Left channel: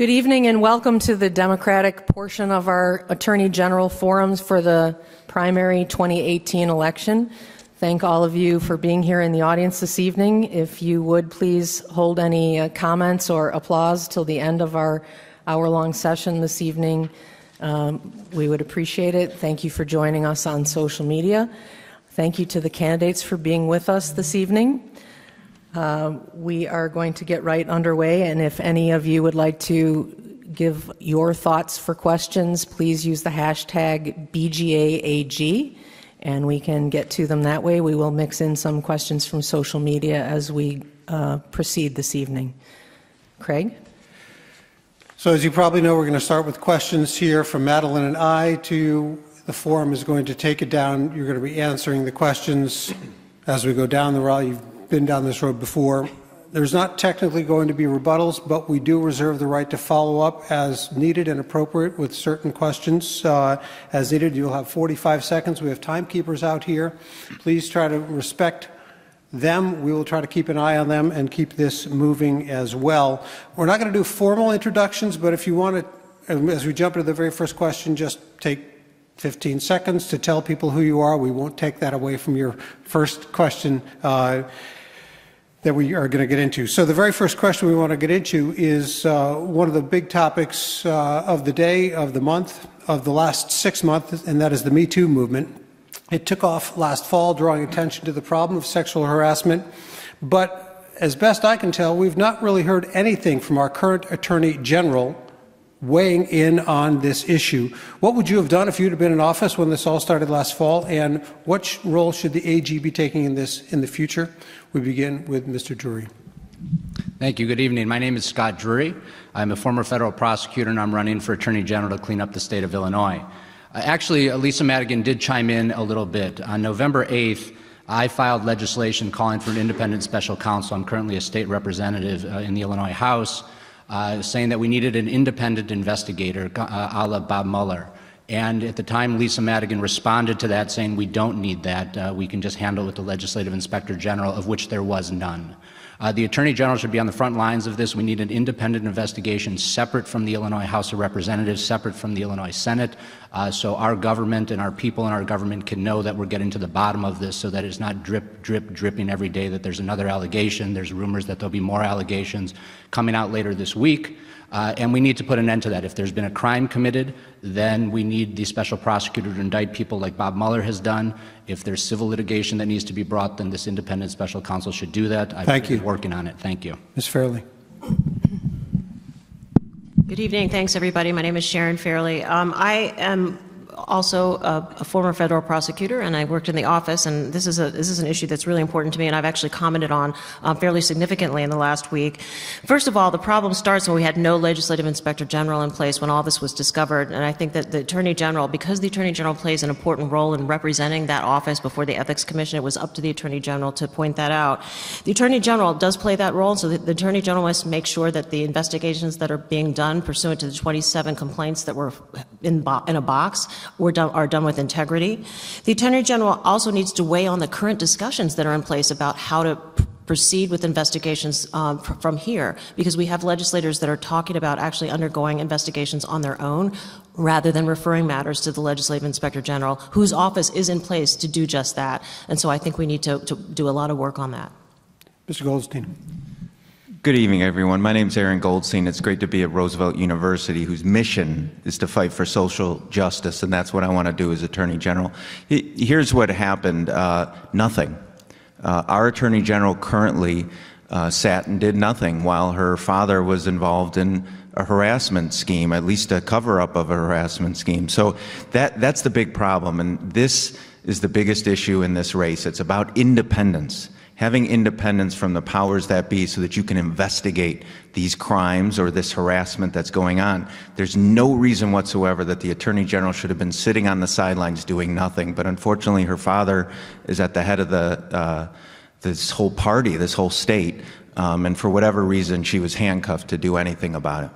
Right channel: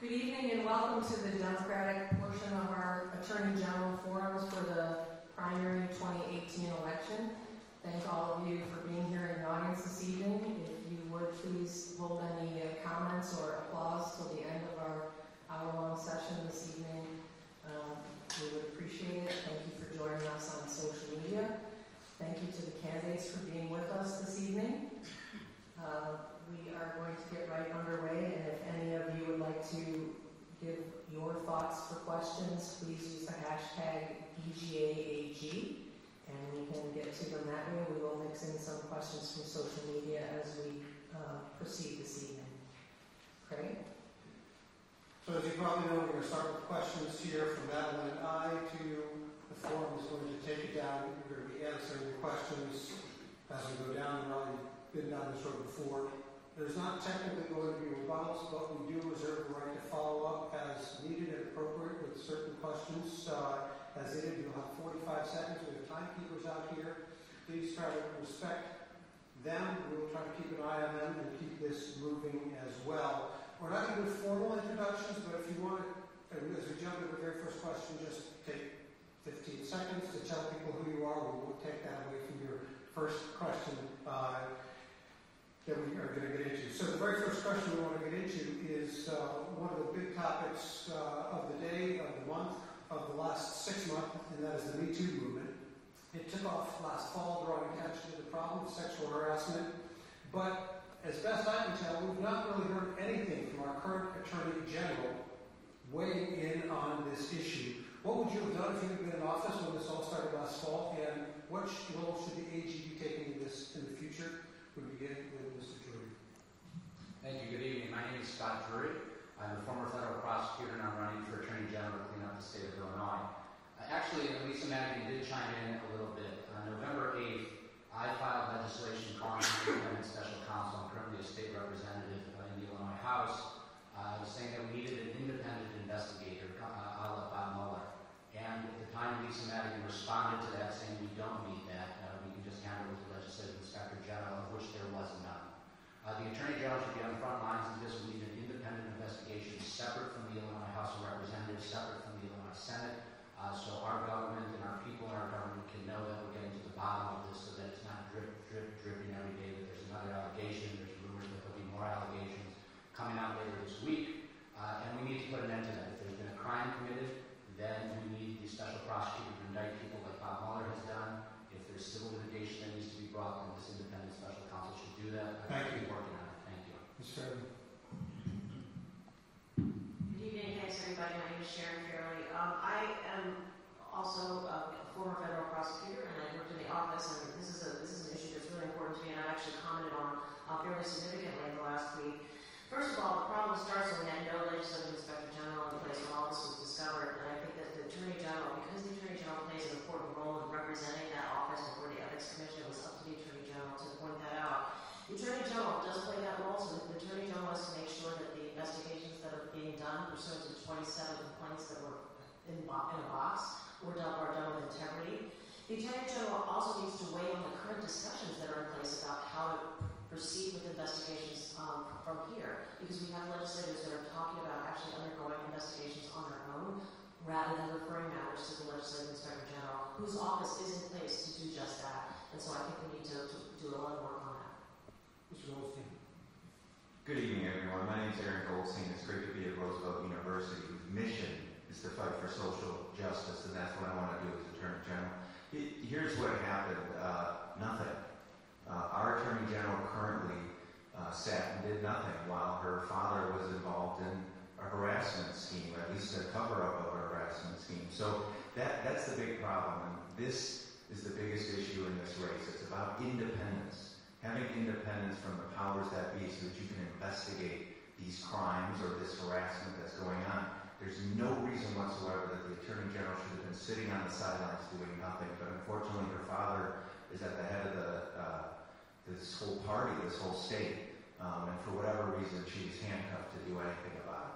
Good evening and welcome to the Democratic portion of our Attorney General forums for the primary 2018 election. Thank all of you for being here in the audience this evening. If you would please hold any comments or applause till the end of our hour-long session this evening. We would appreciate it. Thank you for joining us on social media. Thank you to the candidates for being with us this evening. We are going to get right underway, and if any of you would like to give your thoughts for questions, please use the hashtag BGAAG, and we can get to them that way. We will mix in some questions from social media as we proceed this evening. Craig? So as you probably know, we're going to start with questions here from Madeline and I. The forum is going to take it down. You're going to be answering the questions as we go down the road. You've been down this road before. There's not technically going to be rebuttals, but we do reserve the right to follow up as needed and appropriate with certain questions. As needed, you'll have 45 seconds. We have timekeepers out here. Please try to respect them. We will try to keep an eye on them and keep this moving as well. We're not going to do formal introductions, but if you want to, as we jump into the very first question, just take 15 seconds to tell people who you are. We won't take that away from your first question that we are going to get into. So the very first question we want to get into is one of the big topics of the day, of the month, of the last 6 months, and that is the Me Too movement. It took off last fall, drawing attention to the problem of sexual harassment, but as best I can tell, we've not really heard anything from our current Attorney General weighing in on this issue. What would you have done if you'd have been in office when this all started last fall, and what role should the AG be taking in this in the future? We begin with Mr. Drury. Thank you. Good evening. My name is Scott Drury. I'm a former federal prosecutor, and I'm running for Attorney General to clean up the state of Illinois. Actually, Lisa Madigan did chime in a little bit. On November 8th, I filed legislation calling for an independent special counsel. I'm currently a state representative in the Illinois House, saying that we needed an independent investigator, a la Bob Mueller. And at the time, Lisa Madigan responded to that, saying we don't need that. We can just handle it with the Legislative Inspector General, of which there was none. The Attorney General should be on the front lines of this. We need an independent investigation separate from the Illinois House of Representatives, separate from the Illinois Senate, so our government and our people in our government can know that we're getting to the bottom of this, so that it's not dripping every day that there's another allegation. There's rumors that there'll be more allegations coming out later this week. And we need to put an end to that. If there's been a crime committed, then we need the special prosecutor to indict people like Bob Mueller has done. If there's civil litigation that needs to be brought, then this independent special counsel should do that. I've been working on it. Thank you. Ms. Fairley. Good evening. Thanks, everybody. My name is Sharon Fairley. I am also a former federal prosecutor, and I worked in the office, and this is an issue that's really important to me, and I've actually commented on fairly significantly in the last week. First of all, the problem starts when we had no legislative inspector general in place when all this was discovered, and I think that the Attorney General, because the Attorney General plays an important role in representing that office before the Ethics Commission, it was up to the Attorney General to point that out. The Attorney General does play that role, so the Attorney General must make sure that the investigations that are being done pursuant to the 27 complaints that were in a box are done with integrity. The Attorney General also needs to weigh on the current discussions that are in place about how to proceed with investigations from here, because we have legislators that are talking about actually undergoing investigations on their own rather than referring matters to the Legislative Inspector General, whose office is in place to do just that. And so I think we need to do a lot of work on that. Mr. Goldstein. Good evening, everyone. My name is Aaron Goldstein. It's great to be at Roosevelt University, whose mission is to fight for social justice, and that's what I want to do as Attorney General. Here's what happened. Nothing. Our Attorney General currently sat and did nothing while her father was involved in a harassment scheme, at least a cover-up of a harassment scheme. So that's the big problem, and this is the biggest issue in this race. It's about independence. Having independence from the powers that be so that you can investigate these crimes or this harassment that's going on. There's no reason whatsoever that the Attorney General should have been sitting on the sidelines doing nothing, but unfortunately her father is at the head of this whole party, this whole state, and for whatever reason she was handcuffed to do anything about it.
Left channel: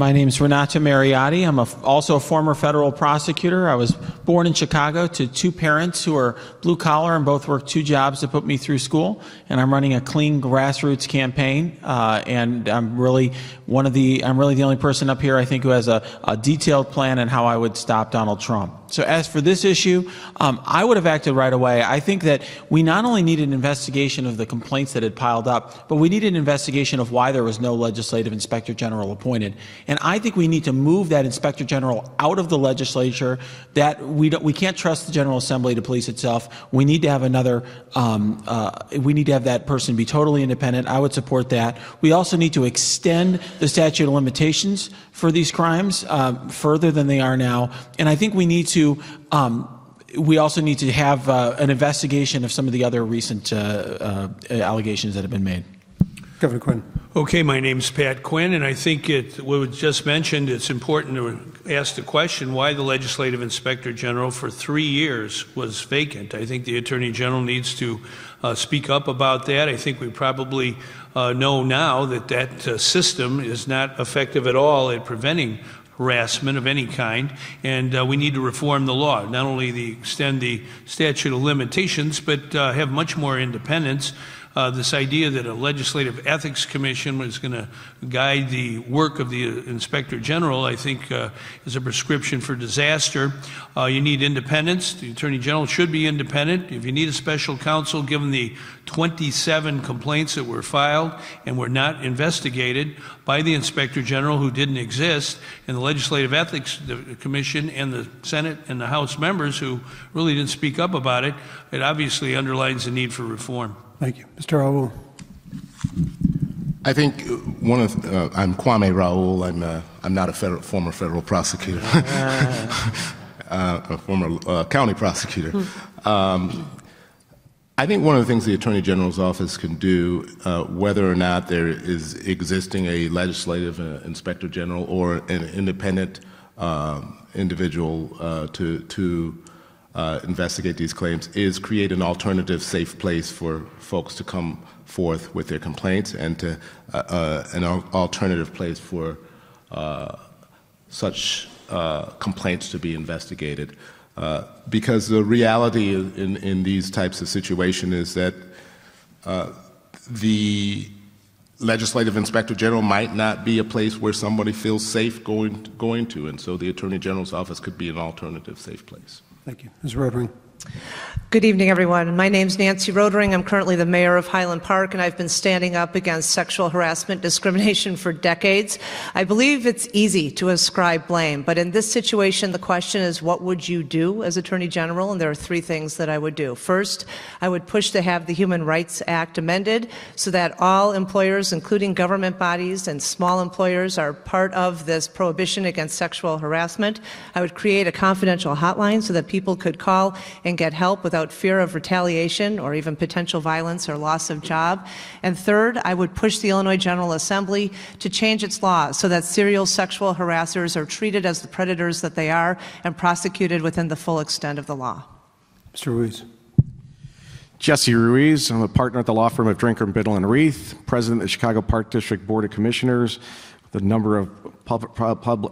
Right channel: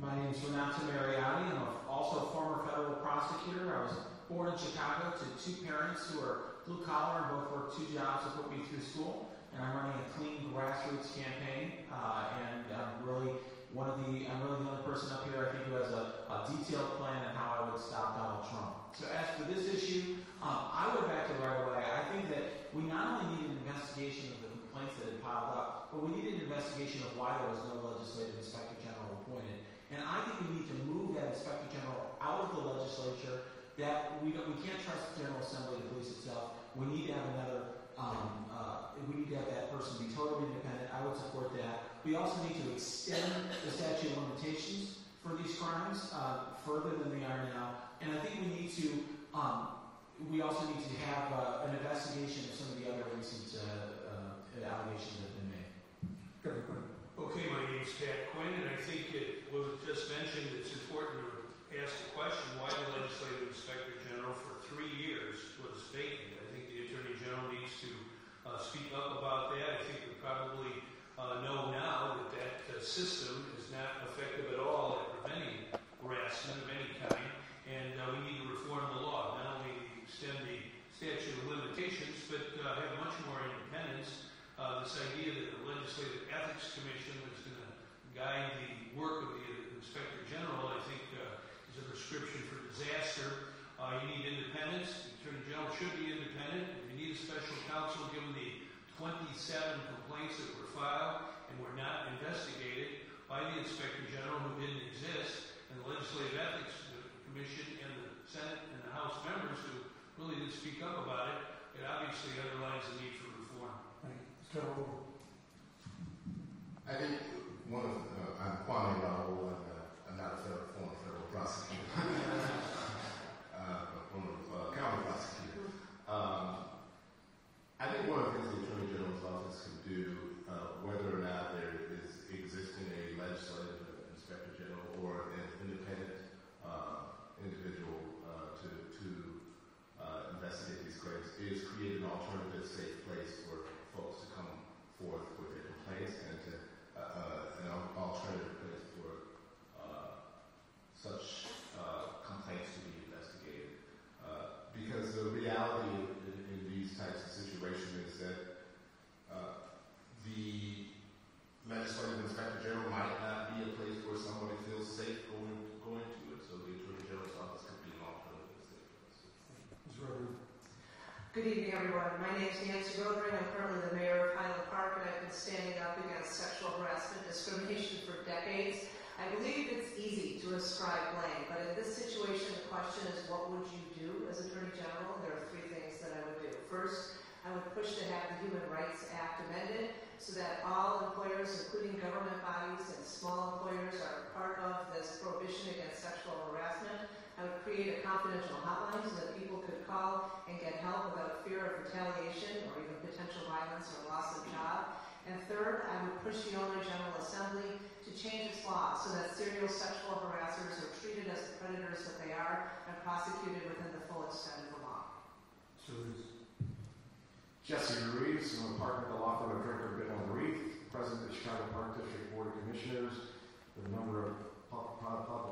My name's Renata Mariotti. I'm also a former federal prosecutor. I was born in Chicago to two parents who are blue collar and both worked two jobs to put me through school. And I'm running a clean grassroots campaign. And I'm really the only person up here, I think, who has a detailed plan on how I would stop Donald Trump. So as for this issue, I would have acted right away. I think that we not only need an investigation of the complaints that had piled up, but we need an investigation of why there was no legislative inspector general appointed. And I think we need to move that inspector general out of the legislature. That we can't trust the General Assembly to police itself. We need to have another. We need to have that person be totally independent. I would support that. We also need to extend the statute of limitations for these crimes further than they are now. And I think we need to. We also need to have an investigation of some of the other recent allegations that have been made. Governor Quinn. Okay, my name's Pat Quinn, and I think what was just mentioned, it's important to ask the question why the Legislative Inspector General for 3 years was vacant. I think the Attorney General needs to speak up about that. I think we probably know now that that system is not effective at all at preventing harassment of any kind, and we need to reform the law, not only extend the statute of limitations, but have much more independence. This idea that a legislative ethics commission was going to guide the work of the inspector general, I think, is a prescription for disaster. You need independence. The attorney general should be independent. If you need a special counsel, given the 27 complaints that were filed and were not investigated by the inspector general, who didn't exist, and the legislative ethics commission and the Senate and the House members who really didn't speak up about it, it obviously underlines the need for reform. Thank you. Mr. Raoul. I think I'm Kwame Raoul. I'm not a former federal prosecutor, a former county prosecutor. I think one of the things the Attorney General's office can do, whether or not there is existing a legislative inspector general or an independent individual to investigate these claims, is create an alternative safe place for folks to come forth with their complaints, and to an alternative place for such complaints to be investigated. Because the reality in these types of situations is that the legislative inspector general might not be a place where somebody feels safe going to, and so the Attorney General's office could be an alternative safe place. Thank you. Ms. Rodring. Good evening, everyone. My name's Nancy Rodring. I'm currently the mayor of Highland Park, and I've been standing up against sexual harassment discrimination for decades. I believe it's easy to ascribe blame, but in this situation, the question is, what would you do as Attorney General? And there are three things that I would do. First, I would push to have the Human Rights Act amended so that all employers, including government bodies and small employers, are part of this prohibition against sexual harassment. I would create a confidential hotline so that people could call and get help without fear of retaliation or even potential violence or loss of job. And third, I would push the Illinois General Assembly to change its laws so that serial sexual harassers are treated as the predators that they are and prosecuted within the full extent of the law. Mr. Ruiz. Jessie Ruiz. I'm a partner at the law firm of Drinker, Biddle & Reith, president of the Chicago Park District Board of Commissioners, the number of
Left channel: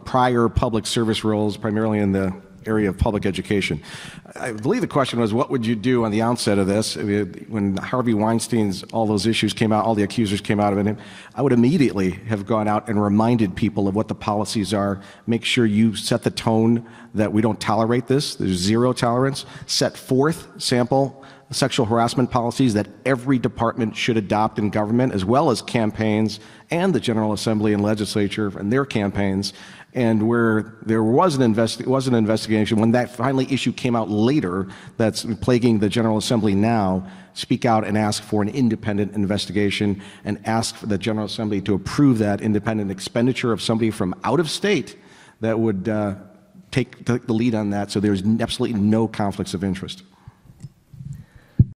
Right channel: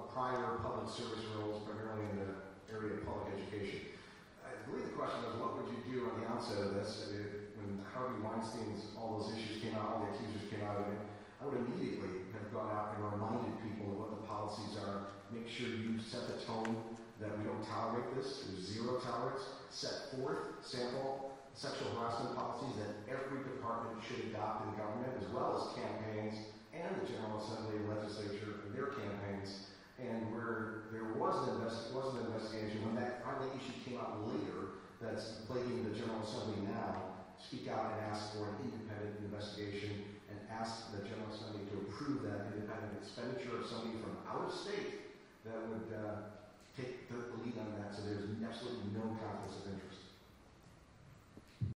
prior public service roles, primarily in the area of public education. I believe the question was, what would you do on the outset of this? When Harvey Weinstein's, all those issues came out, all the accusers came out of it, I would immediately have gone out and reminded people of what the policies are. Make sure you set the tone that we don't tolerate this. There's zero tolerance. Set forth sample sexual harassment policies that every department should adopt in government, as well as campaigns and the General Assembly and legislature and their campaigns. And where there was an investigation, when that finally issue came out later, that's plaguing the General Assembly now, speak out and ask for an independent investigation and ask for the General Assembly to approve that independent expenditure of somebody from out of state that would take the lead on that, so there's absolutely no conflicts of interest.